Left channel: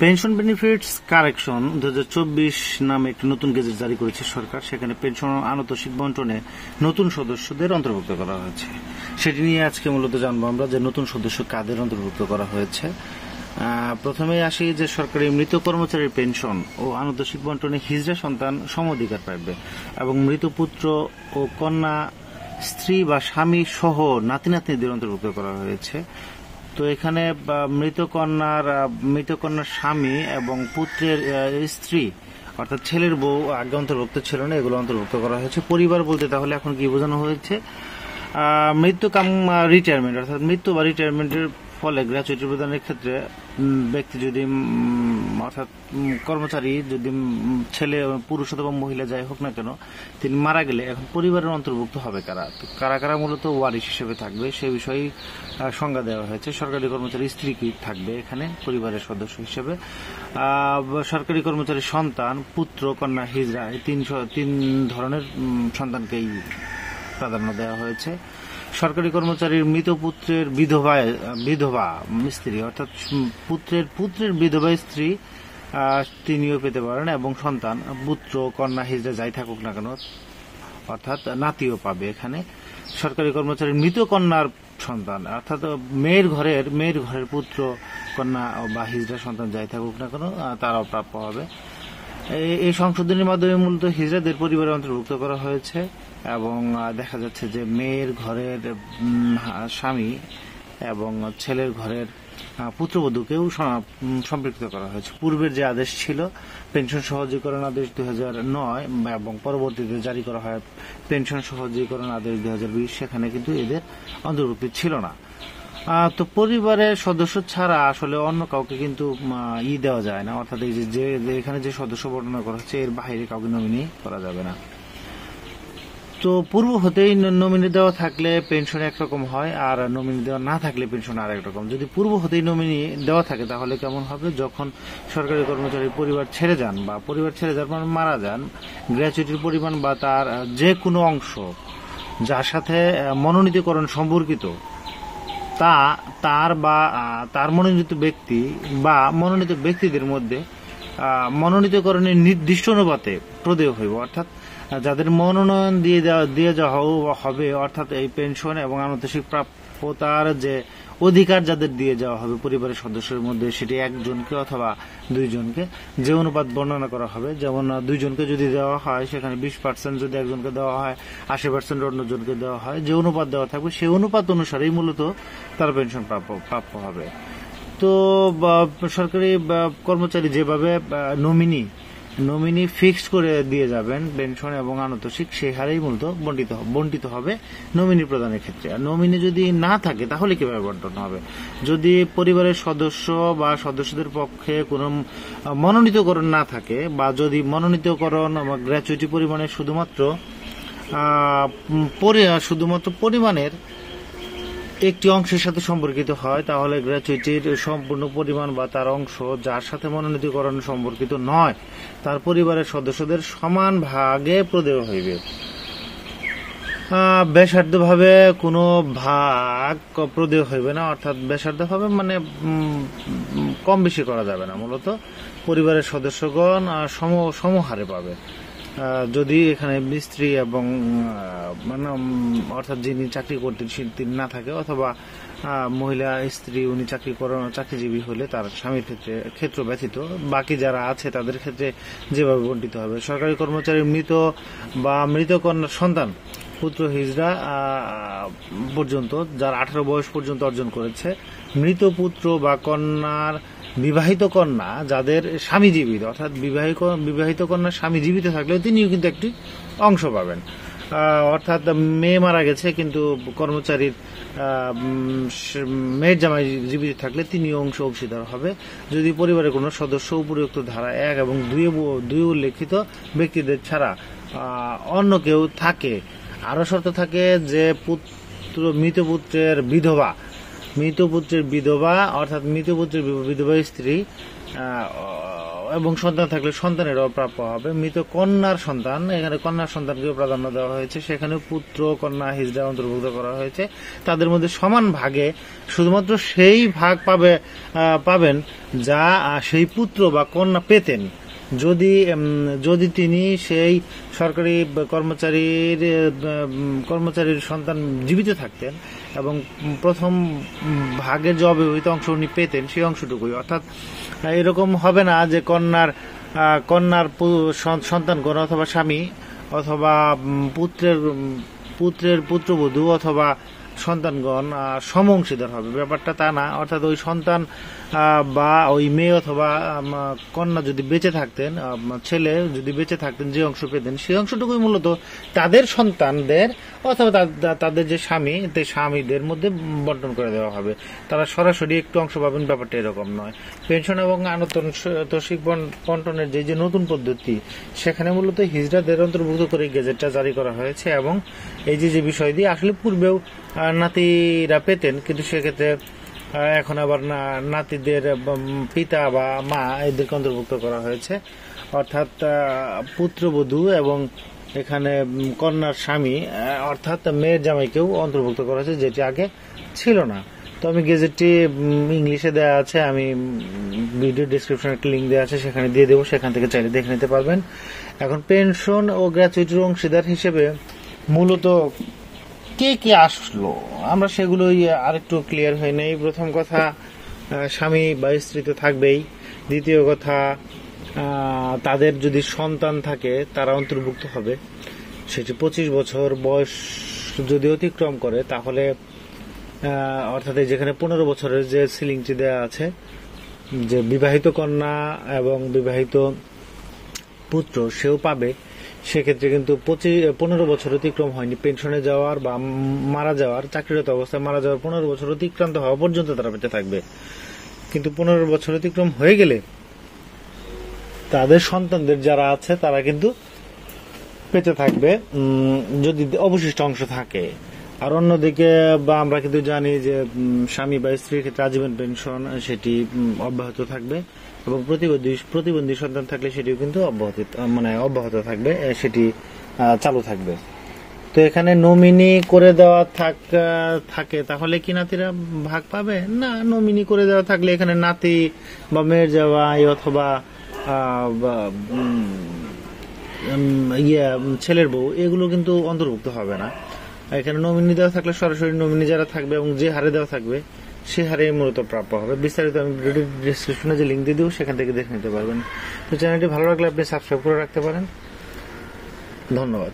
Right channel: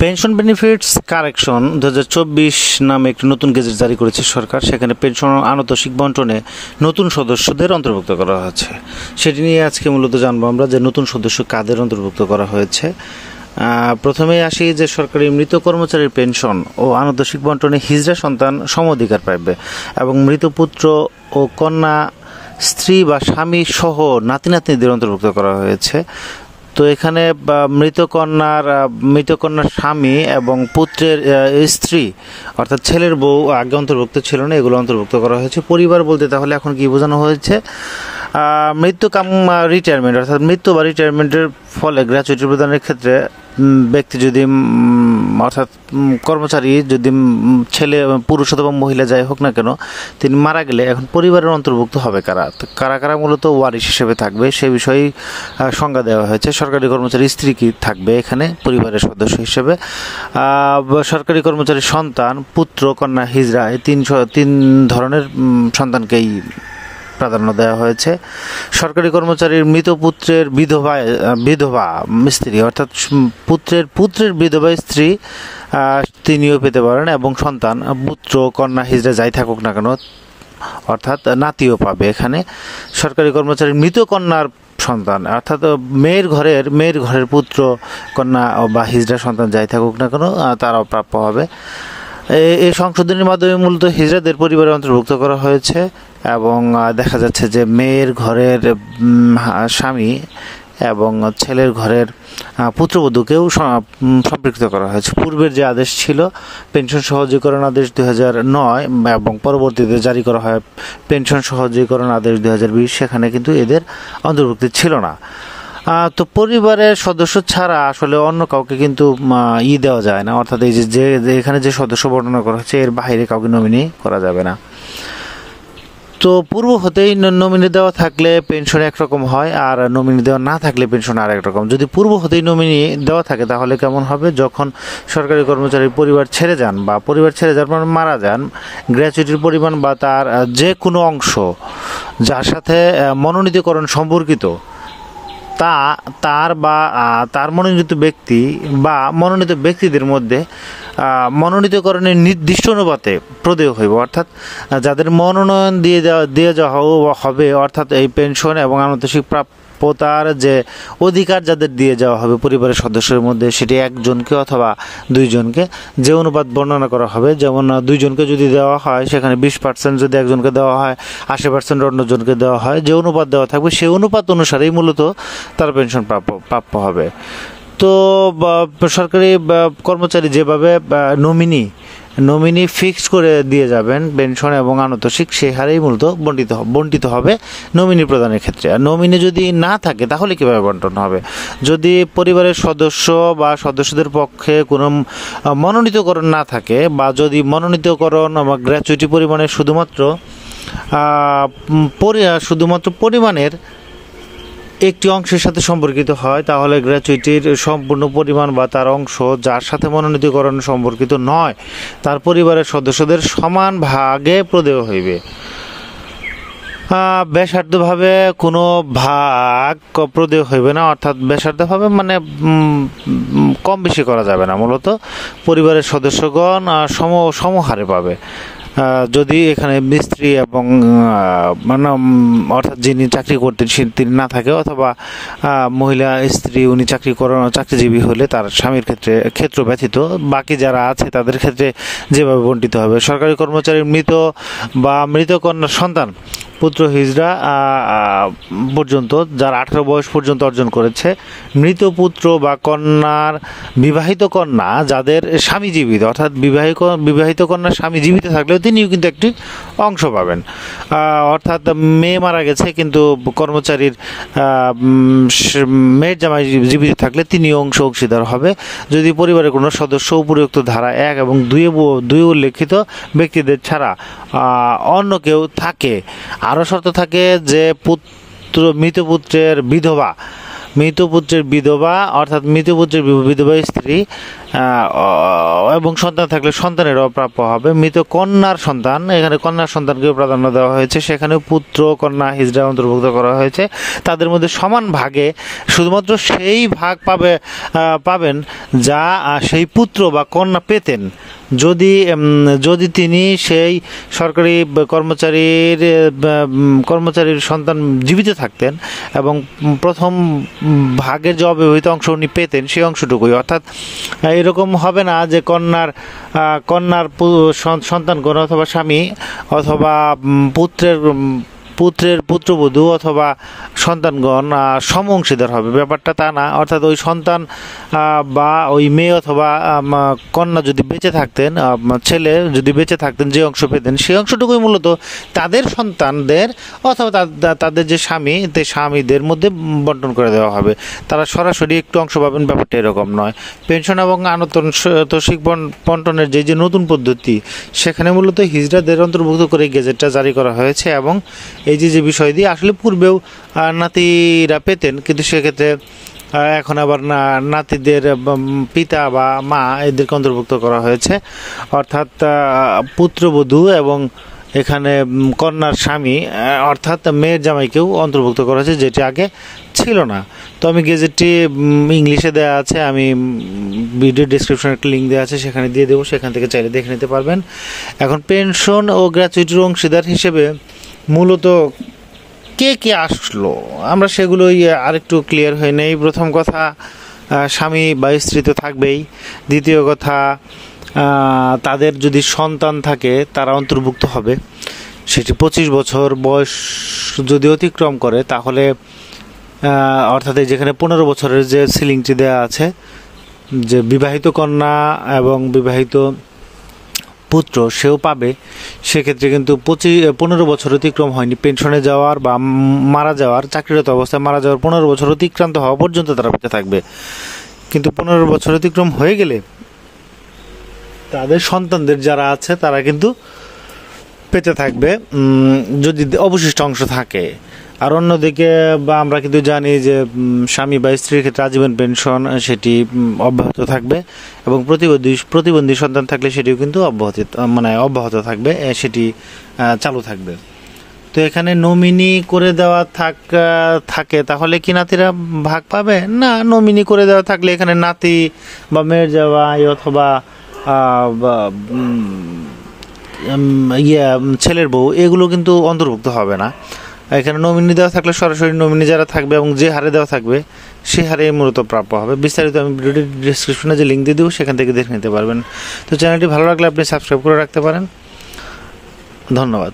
Pension benefits correction 2024 নামে একটি নতুন গেজেট জারি করেছে সরকার। সেখানে পেনশন আনুতোষিক বন্টনে নতুন সদস্যদের অন্তর্ভুক্ত করা হয়েছে। সেটি নিয়ে আজকে মূলত জানবো আমরা যে নতুন সদস্য কাদের অন্তর্ভুক্ত করা হয়েছে। প্রথমেই আসি যে সরকারি মৃত কর্মচারীর পেনশন ও আনুতোষিক বন্টনে হিজড়া সন্তান সম অধিকার পাবে এবং মৃত পুত্র ও কন্যা, স্ত্রী বা স্বামী সহ নাতি নাতনিদের অন্তর্ভুক্ত করা হয়েছে। তো এখানে মৃত কন্যার স্বামী এবং পুত্রের স্ত্রী অর্থাৎ ছেলের বউ আগে অন্তর্ভুক্ত ছিল না, এগুলো অন্তর্ভুক্ত করা হয়েছে। পরিবার বলতে তাহলে এখন কি বোঝানো হয়েছে? মৃত্যু কাম রিটায়ারমেন্ট অর্থাৎ মৃত্যু বা রিটায়ারমেন্টের ফলে গ্র্যাচুইটি প্রদানের ক্ষেত্রে ব্যক্তি যদি অর্থাৎ কর্মচারী যদি ছেলে পুরুষ অথবা মহিলা যাই হোক না কেন তিনি মারা গেলে এখন পরিবারের অন্তর্ভুক্ত হবে কারা? তো কারা মূলত ওয়ারিশ হিসেবে থাকবে সে বিষয়ে সংজ্ঞা দেওয়া হয়েছে। সরকারি কর্মচারী স্ত্রী কি থাকবে এখানে পরিবারের সদস্য হিসেবে, সরকারি কর্মচারীর সন্তান, পুত্র, কন্যা, হিজড়া এই তিন ধরনের সন্তানকেই প্রাধান্য দেওয়া হয়েছে। সরকারি কর্মচারীর মৃত পুত্রের বিধবা স্ত্রী অর্থাৎ পুত্রের বিধবা স্ত্রী তিনিও পেতে পারেন এবং সন্তান, পুত্র, কন্যা, হিজড়া যাই থাকুক না কেন অর্থাৎ নাতিও পাবে এখানে। সরকারি কর্মচারীর মৃত কন্যার সন্তান অর্থাৎ মেয়ের ঘরের পুত্র, কন্যা বা হিজড়া সন্তান যাই থাকুক না কেন তারাও প্রাপ্য হবে। এই সংশোধনীর মাধ্যমে মূলত হিজড়াদের পরিবারে অন্তর্ভুক্ত করা হয়েছে এবং দেখা যাচ্ছে যে মেয়ের ঘরের স্বামী এবং ছেলের ঘরের পুত্রবধূকেও সম্পৃক্ত করা হয়েছে। পূর্বের যে আদেশ ছিল পেনশন সহজীকরণ আদেশ 2009 এবং পরবর্তীতে জারি করা হয় পেনশন সহজীকরণ আদেশ 2020, সেখানে কিন্তু এদের অন্তর্ভুক্তি ছিল না। তো পরিবারের সদস্য ছাড়া আসলে অন্য কাউকে কিন্তু দেওয়া যায় না, অর্থাৎ এই যে এখানে যে সদস্য বর্ণনা করা হচ্ছে এর বাইরে কাউকে নমিনি করা যাবে না। তো পূর্ব হতেই নমিনি দেওয়া থাকলে পেনশন একরকম হয় আর নমিনি দেওয়া না থাকলে পেনশন আর একরকম। যদি পূর্ব হতেই নমিনি দেওয়া থাকে তাহলে কেমন হবে? যখন সরকারি কর্মচারীর পরিবার ছেড়ে যান বা পরিবার ছেড়ে যাওয়ার পর মারা যান, গ্র্যাচুইটির পরিমাণ বা তার যে কোনো অংশ যার সাথে মনোনীতকরণ সম্পর্কিত তার মনোনীত ব্যক্তি বা মনোনীত ব্যক্তিদের মধ্যে মনোনীতকরণের নির্দিষ্ট অনুপাতে প্রদেয় হইব, অর্থাৎ যাদের মনোনয়ন দিয়ে যাওয়া হবে অর্থাৎ এই পেনশন এবং আনুতোষিক প্রাপ্যতার যে অধিকার যাদের দিয়ে যাওয়া হবে পরিবারের সদস্যের মধ্যে সেটি একজনকে অথবা দুইজনকে, যে অনুপাত বর্ণনা করা হবে। যেমন দুইজনকে যদি দেওয়া হয় সেখানে 20% যদি একজনকে দেওয়া হয়, 80% অন্যজনকে দেওয়া হয়, যে অনুপাত দেওয়া থাকবে সেই অনুপাত অনুসারেই মূলত তার পেনশন প্রাপ্য হবে। তো সরকারি কর্মচারী যেভাবে নমিনি ফিক্সড করে দিয়ে যাবেন পেনশন এবং আনুতোষিক সেই হারেই মূলত বন্টিত হবে নমিনি প্রদানের ক্ষেত্রে। আর নমিনি যদি না থাকে তাহলে কীভাবে বন্টন হবে? যদি পরিবারের সদস্য বা সদস্যদের পক্ষে কোনো মনোনীতকরণ না থাকে বা যদি মনোনীতকরণ বা গ্র্যাচুইটি পরিমাণের শুধুমাত্র পরিমাণের একটি অংশের সাথে সম্পর্কিত হয় তাহলে গ্র্যাচুইটির সম্পূর্ণ পরিমাণ বা তার অংশ যার সাথে মনোনীতকরণ সম্পর্কিত নয় তার পরিবারের সদস্যদের সমান ভাগে প্রদেয় হইবে। বেসার্ধভাবে কোনো ভাগ প্রদেয় হইবে না, অর্থাৎ বেসার্ধভাবে মানে কম বেশি করা যাবে না, মূলত পরিবারের সদস্যগণ সমহারে পাবে। যদি এখানে মিস্ত্রি এবং অর্থাৎ যিনি চাকরি করতেন তিনি না থাকে অথবা মহিলা স্ত্রী উনি চাকরিজীবী হলে তার স্বামীর ক্ষেত্র ব্যতীত বাকি যারা আছে তাদের ক্ষেত্রে যেভাবে বন্টিত হবে। সরকারি কর্মচারীর মৃত কন্যার সন্তান, পুত্র, হিজড়া পর্যন্ত যারা 18 বয়স পর্যন্ত অর্জন করেছে, মৃত পুত্র বা কন্যার বিবাহিত কন্যা যাদের স্বামী জীবিত অর্থাৎ বিবাহিত কন্যার স্বামী জীবিত থাকলেও তিনিও কিন্তু একটি অংশ পাবেন। অর্থাৎ মেয়ে মারা গেছে কিন্তু কর্মচারীর মেয়ের জামাই জীবিত থাকলে তিনিও অংশীদার হবে যদি পরিবারের কোনো সদস্য উপরিউক্ত ধারা 1 এবং 2 উল্লেখিত ব্যক্তিদের ছাড়া অন্য কেউ থাকে। আরও শর্ত থাকে যে মৃত পুত্রের মৃত পুত্রের বিধবা অর্থাৎ মৃত পুত্রের বিধবা স্ত্রী এবং সন্তান থাকলে সন্তানের অপ্রাপ্য হবে। মৃত কন্যার সন্তান, এখানে কন্যার সন্তানকেও প্রাধান্য দেওয়া হয়েছে, সেখানে পুত্র কন্যা হিজড়া অন্তর্ভুক্ত করা হয়েছে। তাদের মধ্যে সমান ভাগে শুধুমাত্র সেই ভাগ পাবেন যা সেই পুত্র বা কন্যা পেতেন যদি তিনি সেই সরকারি কর্মচারীর সন্তান জীবিত থাকতেন এবং প্রথম ভাগের যে অব্যবহৃত অংশ উনি পেতেন সেই অংশটুকুই। অর্থাৎ এরকম হবে না যে কন্যার সন্তানগণ অথবা স্বামী অথবা পুত্রের পুত্রবধূ অথবা সন্তানগণ সম অংশীদার হবে, ব্যাপারটা তা না। অর্থাৎ ওই সন্তান বা ওই মেয়ে অথবা কন্যা যদি বেঁচে থাকতেন, ছেলে যদি বেঁচে থাকতেন, যে অংশ পেতেন সেই অংশটুকুই মূলত তাদের সন্তানদের অথবা তাদের যে স্বামীদের মধ্যে বন্টন করে দেওয়া হবে। তারা সরাসরি একটু অংশ পাবেন, ব্যাপারটা এরকম নয়। পেনশন এবং আনুতোষিক বন্টনের যে নতুন পদ্ধতি, সেখানে মূলত হিজড়াদের অন্তর্ভুক্ত করে গেজেটটা জারি করা হয়েছে। এবং এই যে বিষয় দিয়ে আসলে পূর্বেও নাতিরা পেতেন, কিন্তু সেক্ষেত্রে এখন আবার নাতিদের পিতা বা মা এদেরকে অন্তর্ভুক্ত করা হয়েছে। অর্থাৎ পুত্রবধূ এবং এখানে কন্যার স্বামী অর্থাৎ মেয়ের জামাইকেও অন্তর্ভুক্ত করা হয়েছে, যেটি আগে ছিল না। তো আমি গেজেটটি ইংলিশে দেওয়া আছে, আমি ভিডিও ডিসক্রিপশনে একটা লিঙ্ক দেওয়া আছে, সেখানে দিয়ে দেবো, সেখান থেকে চাইলে দেখে নিতে পারবেন। এখন পেনশন ও গ্র্যাচুইটির অংশীদার হিসেবে মূলত কে আসলো, আমরা সেগুলোই আরেকটু ক্লিয়ার হয়ে নেই। প্রথম কথা, স্বামী বা স্ত্রী তো থাকবেই। দ্বিতীয় কথা, তাদের যদি সন্তান থাকে তারা অন্তর্ভুক্ত হবে। সেটি 25 বছর বয়স যদি অতিক্রম করে তাহলে অর্থাৎ যেখানে 15 বছরের যে সিলিংটি দেওয়া আছে, যে বিবাহিত কন্যা এবং বিবাহিত পুত্র সেও পাবে। সেক্ষেত্রে কিন্তু 15 বছর অতিক্রম হয়নি, পেনশনে যাওয়ার বা মারা যাওয়ার, চাকরিরত অবস্থায় মারা যাওয়ার 15 বছর অতিক্রান্ত হওয়া পর্যন্ত তারা পেতে থাকবে। কিন্তু 15 বছর অতিক্রম হয়ে গেলে তাদের সন্তানদের যারা আছে তারা কিন্তু পেতে থাকবে যদি অবশিষ্ট অংশ থাকে। আর অন্যদিকে বা আমরা কিন্তু জানি যে স্বামী বা স্ত্রীর ক্ষেত্রে আজীবন পেনশন সেটি অব্যাহত থাকবে এবং প্রতিবন্ধী সন্তান থাকলে সেটিও কিন্তু অব্যাহত থাকবে, সেটি চালু থাকবে। তো এখানে নমিনি করে দেওয়া থাকে তাহলে কি নাতিরা ভাগ পাবে না? নমিনি করে দেওয়া থাকলে এখানে নাতি বা মেয়ের জামাই অথবা ছেলের বউ এগুলো কিন্তু অন্তর্ভুক্ত হবে না। এখানে নমিনি দেওয়া থাকলে সরাসরি নমিনি যারা থাকবে এবং যে হারে দেওয়া থাকবে সে হারে মূলত প্রাপ্য হবে। বিস্তারিত আমি ভিডিও ডিসক্রিপশনে যে লিঙ্ক দিয়ে দেবো, সেখান থেকে দেখে নিতে পারবেন। তো চ্যানেলটি ভালো লাগলে আপনি সাবস্ক্রাইব করে রাখতে পারেন। ধন্যবাদ।